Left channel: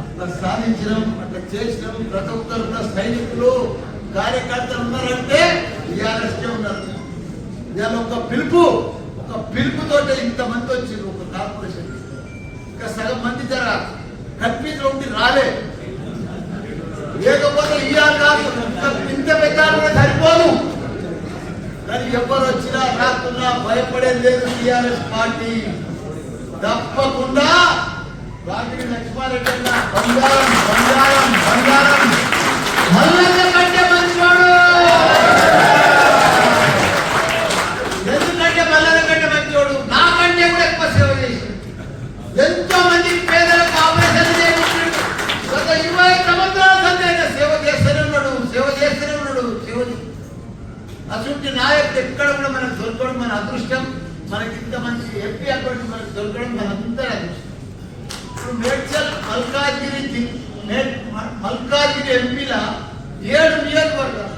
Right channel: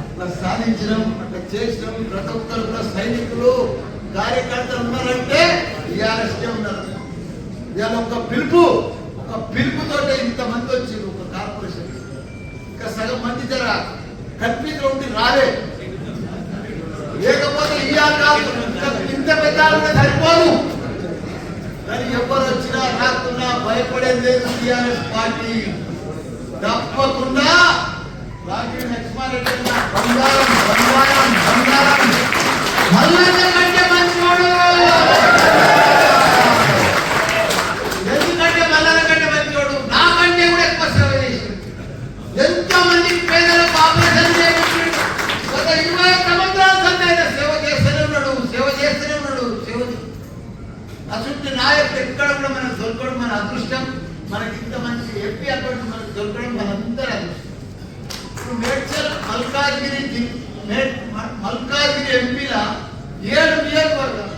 అట్లా సాధించడం అట్లా చేయడం ప్రతి సైనికులు కార్యకర్తలు ఉన్నారంటే టీఆర్ఎస్కే ఉన్నారు. ఇవాళ ఒక పిలుపు ఒక పిలుపుతో ఇంతమంది వచ్చారు ఒక కార్పొరేషన్. ఇంకా సగం మంది జర కన్ఫ్యూజ్ రాలే. లేకపోతే ఇవాళ రాదు ఇంత పెద్ద సరిపోదు. కానీ ఎవరు వచ్చినా రాకున్నా భయపడేది లేదు టీఆర్ఎస్ పార్టీ. తప్పకుండా రాజకీయ లక్ష్మారెడ్డి బంగారం బంగారం బంగారం. మల్లన్న కంటే మంచివాడు. ఎందుకంటే మల్లన్న కంటే మంచివాడు? నాకంటే కూడా ఎక్కువ సేవ చేసిండు. ఎంతో మందికి పేదలకు ఆపరేషన్ చేయించాడు ఒక ఇరవై సంవత్సరాల సంది ఆయన సేవ చేస్తూనే ఉన్నాడు సేవ చేస్తూనే ఉన్నాడు సేవ అటువంటి నాయకుడు ఎక్కడ కూడా మనం దొరకడం మన అదృష్టం. మనకి ఇంత మంచి ఎంపీ అకౌంట్ మనకు దొరకడం మనందరూ అదృష్టం. ఇప్పుడు మేడ్చల్ మల్కాజ్గిరి మల్కాజ్గిరి ఎంపీల ఏడు నియోజకవర్గం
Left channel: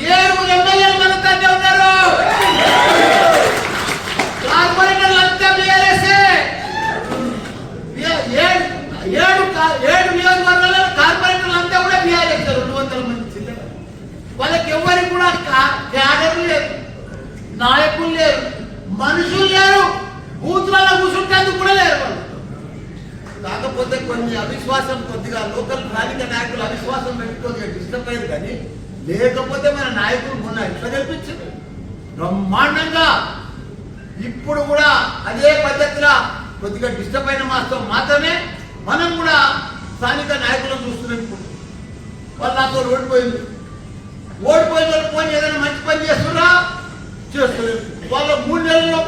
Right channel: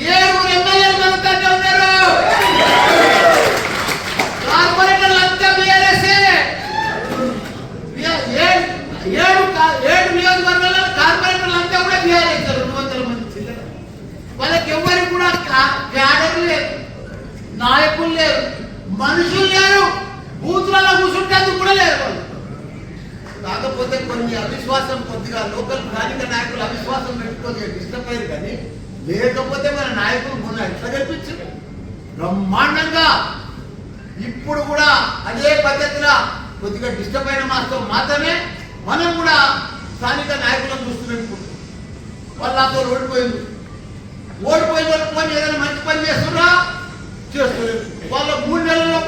ఏడుగురు ఎమ్మెల్యేలు మన దగ్గర ఉన్నారు. కార్పొరేటర్లు అంతా బీఆర్ఎస్ఏ. ఏడు ఏడు నియోజకవర్గాల్లో కార్పొరేటర్లు అంతా కూడా బీఆర్ఎస్ రెండు వందల మంది చిల్లర. వాళ్ళకి ఎవరికి కూడా కా- క్యాడర్లు లేరు. నాయకులు లేరు. మనుషులు లేరు. బూత్లలో కూర్చుంటేందుకు కూడా లేరు కాకపోతే కొన్ని అవిశ్వాసం కొద్దిగా లోకల్ స్థానిక నాయకులు అవిశ్వాసం పెట్టుకొని డిస్టర్బ్ అయ్యారు కానీ లేకపోతే మన నాయకులు మొన్న ఎట్లా కల్పించారు బ్రహ్మాండంగా. ఇప్పుడు కూడా అదే పద్ధతిలో కొద్దిగా డిస్టర్బ్ అయిన మాస్తో మాత్రమే మనం కూడా స్థానిక నాయకులను చూస్తున్నాం వాళ్ళు నాతో ఓడిపోయింది ఓడిపోయిన వాళ్ళు ఏదైనా మంచి పని చేస్తున్నా చేస్తారు వాళ్ళ మూడు నెలల్లో